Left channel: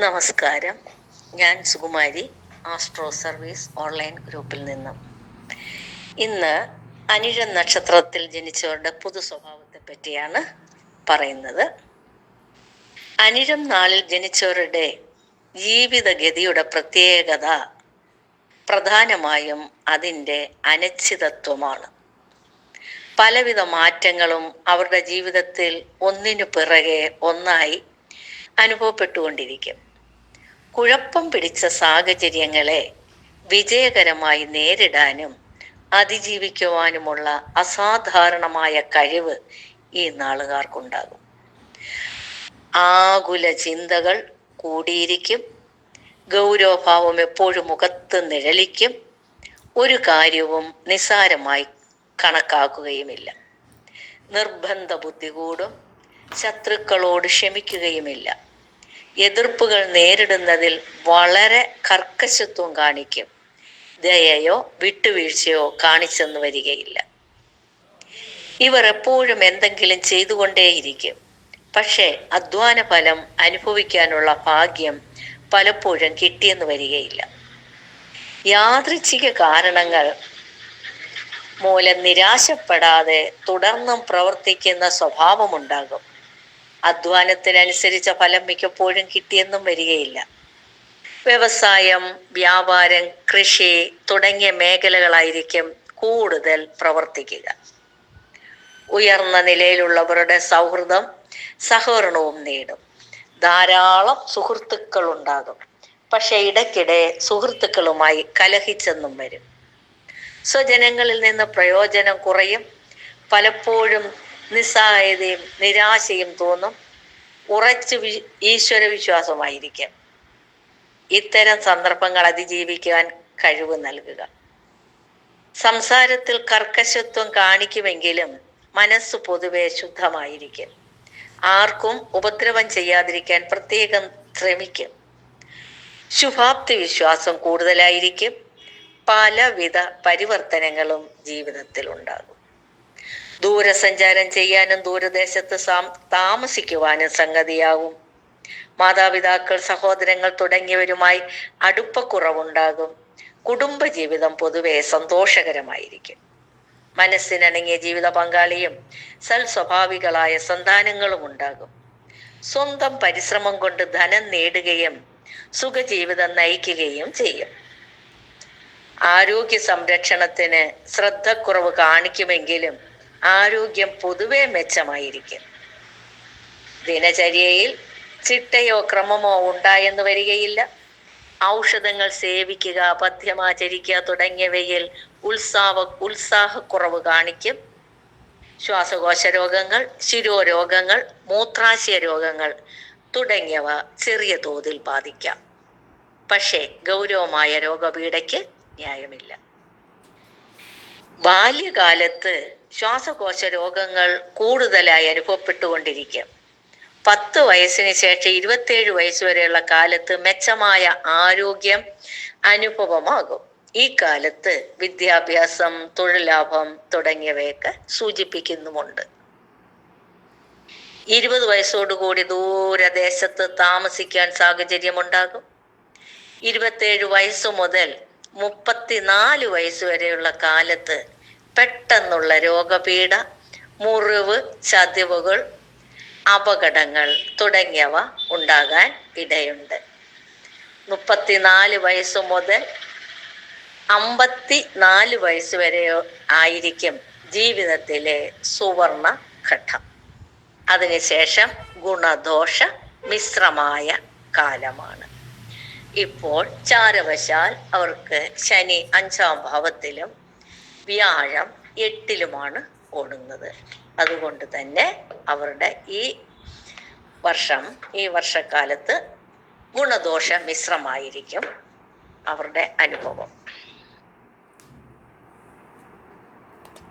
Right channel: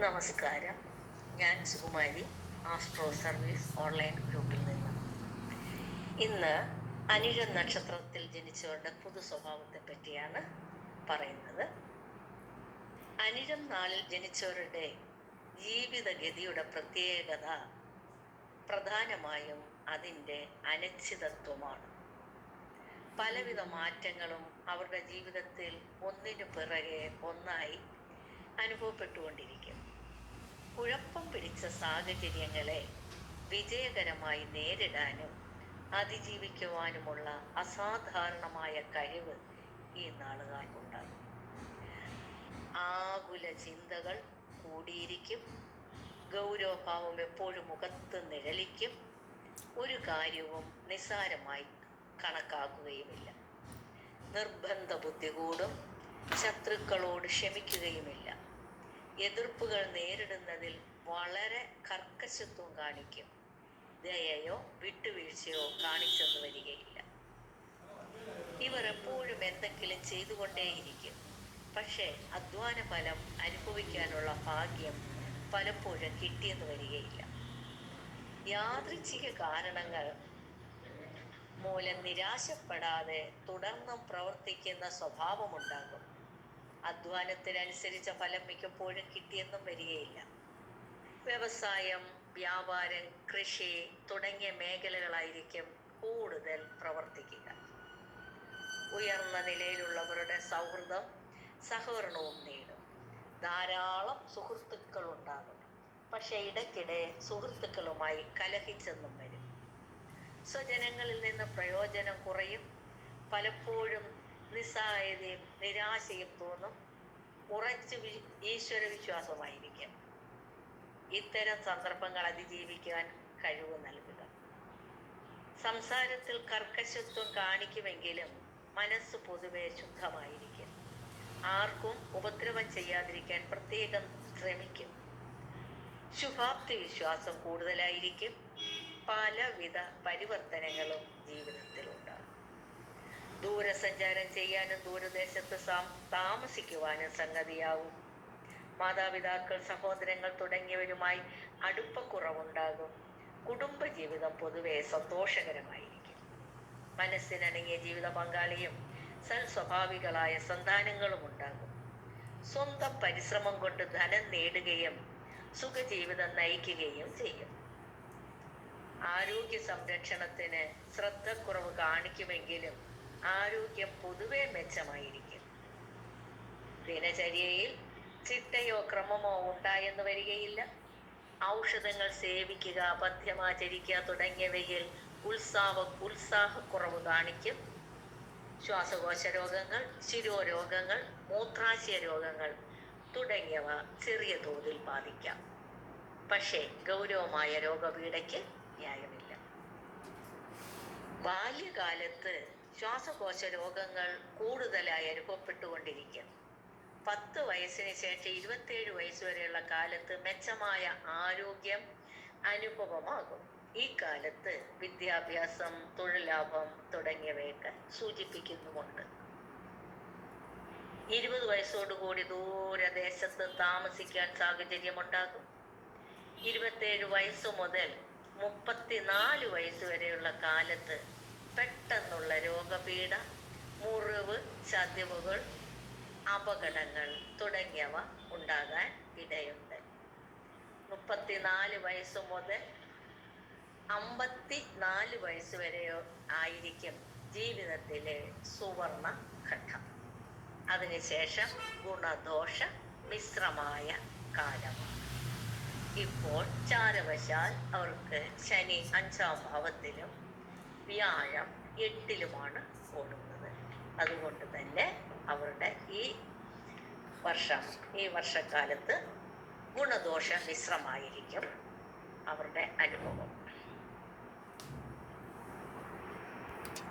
നമസ്കാരം. ഞാൻ Sukumari, astro service online ഗ്രൂപ്പിൽ നിന്നും. ഇന്ന് അനിഴം നക്ഷത്രത്തിൽ ജനിച്ചവരുടെ പൊതു സ്വഭാവത്തെ പറ്റിയാണ് പറയുന്നത്. അനിഴം നാളിൽ ജനിച്ചവരുടെ ജീവിതഗതിയുടെ പ്രത്യേകത പ്രധാനമായും അതിൻ്റെ അനിശ്ചിതത്വമാണ്. പലവിധ മാറ്റങ്ങളും അവരുടെ ജീവിതത്തിൽ ഒന്നിനു പിറകെ ഒന്നായി അനുഭവപ്പെട്ടുകൊണ്ടിരിക്കും. കുഴപ്പം പിടിച്ച സാഹചര്യങ്ങളെ വിജയകരമായി നേരിടാനും അതിജീവിക്കുവാനുമുള്ള അസാധാരണമായ കഴിവ് ഈ നാളുകാർക്കുണ്ടാകും. ആകുല ചിന്തകൾ കൂടിയിരിക്കും. ഗൗരവഭാവം എപ്പോഴും മുഖത്ത് നിഴലിക്കും. ഒരു കാര്യവും നിസ്സാരമായി കണക്കാക്കുകയുമില്ല. നിർബന്ധ ബുദ്ധി കൂടും. ശത്രുക്കളോട് ക്ഷമിക്കുകയുമില്ല. എതിർപ്പുകൾ നേരിടുന്നതിൽ വളരെ കർക്കശത്വം കാണിക്കും. ദയയോ വിട്ടുവീഴ്ചയോ കാണിച്ചെന്ന് വരികയില്ല. ഇവർ എപ്പോഴും എന്തെങ്കിലും ചെയ്തുകൊണ്ടേയിരിക്കും. പക്ഷേ അധ്വാന ഫലം അനുഭവിക്കാനുള്ള ഭാഗ്യം പലപ്പോഴും കിട്ടിയെന്ന് വരികയില്ല. യാദൃച്ഛിക കാരണങ്ങൾ മൂലം നിരാശപ്പെടാതെ തുടർന്നും പ്രവർത്തിക്കുന്ന സ്വഭാവമുണ്ടാകും. അധ്വാനത്തിനനുസരിച്ച ഫലം മിക്കപ്പോഴും കിട്ടിയെന്നും വരികയില്ല. വ്യവസായം, വ്യാപാരം, കൃഷി തുടങ്ങിയ മേഖലകളായിരിക്കും കൂടുതൽ പ്രവർത്തിക്കുക. ഉയർന്ന നിലയിലുള്ളവരുടെ സൗഹൃദം സഹകരണവും നേടും. ധാരാളം സുഹൃത്തുക്കൾ ഉണ്ടാകും. പക്ഷെ ഇടയ്ക്കിടെ സുഹൃത്തുക്കളുമായി കലഹിച്ചെന്നും വരും. സ്വജനങ്ങളിൽ നിന്ന് പ്രയോജനം കുറയും. പലപ്പോഴും നിസ്സഹായതയും നിരാശയും തോന്നും. ഉറച്ച് ഈശ്വര വിശ്വാസമായിരിക്കും. ഇത്തരം സന്ദർഭങ്ങൾ അതിജീവിക്കാൻ കഴിവ് നൽകുക. സംസാരത്തിൽ കർക്കശത്വം കാണിക്കുമെങ്കിലും മനസ്സ് പൊതുവെ ശുദ്ധമായിരിക്കും. ആർക്കും ഉപദ്രവം ചെയ്യാതിരിക്കാൻ പ്രത്യേകം ശ്രമിക്കും. ശുഭാപ്തി വിശ്വാസം കൂടുതലായിരിക്കും. പലവിധ പരിവർത്തനങ്ങളും ജീവിതത്തിൽ ഉണ്ടാകും. ദൂരസഞ്ചാരം ചെയ്യാനും ദൂരദേശത്ത് താമസിക്കുവാനും സംഗതിയാകും. മാതാപിതാക്കൾ, സഹോദരങ്ങൾ തുടങ്ങിയവരുമായി അടുപ്പക്കുറവുണ്ടാകും. കുടുംബജീവിതം പൊതുവെ സന്തോഷകരമായിരിക്കും. മനസ്സിനിണങ്ങിയ ജീവിത പങ്കാളിയും സൽസ്വഭാവികളായ സന്താനങ്ങളും ഉണ്ടാകും. സ്വന്തം പരിശ്രമം കൊണ്ട് ധനം നേടുകയും സുഖജീവിതം നയിക്കുകയും ചെയ്യും. ആരോഗ്യ സംരക്ഷണത്തിന് ശ്രദ്ധക്കുറവ് കാണിക്കുമെങ്കിലും ആരോഗ്യം പൊതുവെ മെച്ചമായിരിക്കും. ദിനചര്യയിൽ ചിട്ടയോ ക്രമമോ ഉണ്ടായെന്ന് വരികയില്ല. ഔഷധങ്ങൾ സേവിക്കുക, പഥ്യമാചരിക്കുക തുടങ്ങിയവയിൽ ഉത്സാഹക്കുറവ് കാണിക്കും. ശ്വാസകോശ രോഗങ്ങൾ, ശിരോരോഗങ്ങൾ, മൂത്രാശയ രോഗങ്ങൾ തുടങ്ങിയവ ചെറിയ തോതിൽ ബാധിക്കാം. പക്ഷേ ഗൗരവമായ രോഗപീഠയ്ക്ക് ന്യായമില്ല. ബാല്യകാലത്ത് ശ്വാസകോശ രോഗങ്ങൾ കൂടുതലായി അനുഭവപ്പെട്ടുകൊണ്ടിരിക്കും. 10 വയസ്സിന് ശേഷം 27 വയസ്സുവരെയുള്ള കാലത്ത് മെച്ചമായ ആരോഗ്യം അനുഭവമാകും. ഈ കാലത്ത് വിദ്യാഭ്യാസം, തൊഴിൽ ലാഭം തുടങ്ങിയവയൊക്കെ സൂചിപ്പിക്കുന്നുമുണ്ട്. 20 വയസ്സോടുകൂടി ദൂരദേശത്ത് താമസിക്കാൻ സാഹചര്യമുണ്ടാകും. 27 വയസ്സു മുതൽ 34 വയസ്സുവരെയുള്ള കാലത്ത് പെട്ടെന്നുള്ള രോഗപീഠ, മുറിവ്, ചതിവുകൾ, അപകടങ്ങൾ തുടങ്ങിയവ ഉണ്ടാകാൻ ഇടയുണ്ട്. 34 വയസ്സു മുതൽ 54 വയസ്സ് വരെ ആയിരിക്കും ജീവിതത്തിലെ സുവർണ ഘട്ടം. അതിനുശേഷം ഗുണദോഷ മിശ്രമായ കാലമാണ്. ഇപ്പോൾ ചാരവശാൽ അവർക്ക് ശനി 5-ാം ഭാവത്തിലും വ്യാഴം 8-ലുമാണ് ഓടുന്നത്. അതുകൊണ്ട് തന്നെ അവരുടെ ഈ വർഷക്കാലത്ത് ഗുണദോഷ മിശ്രമായിരിക്കും അവരുടെ അനുഭവം.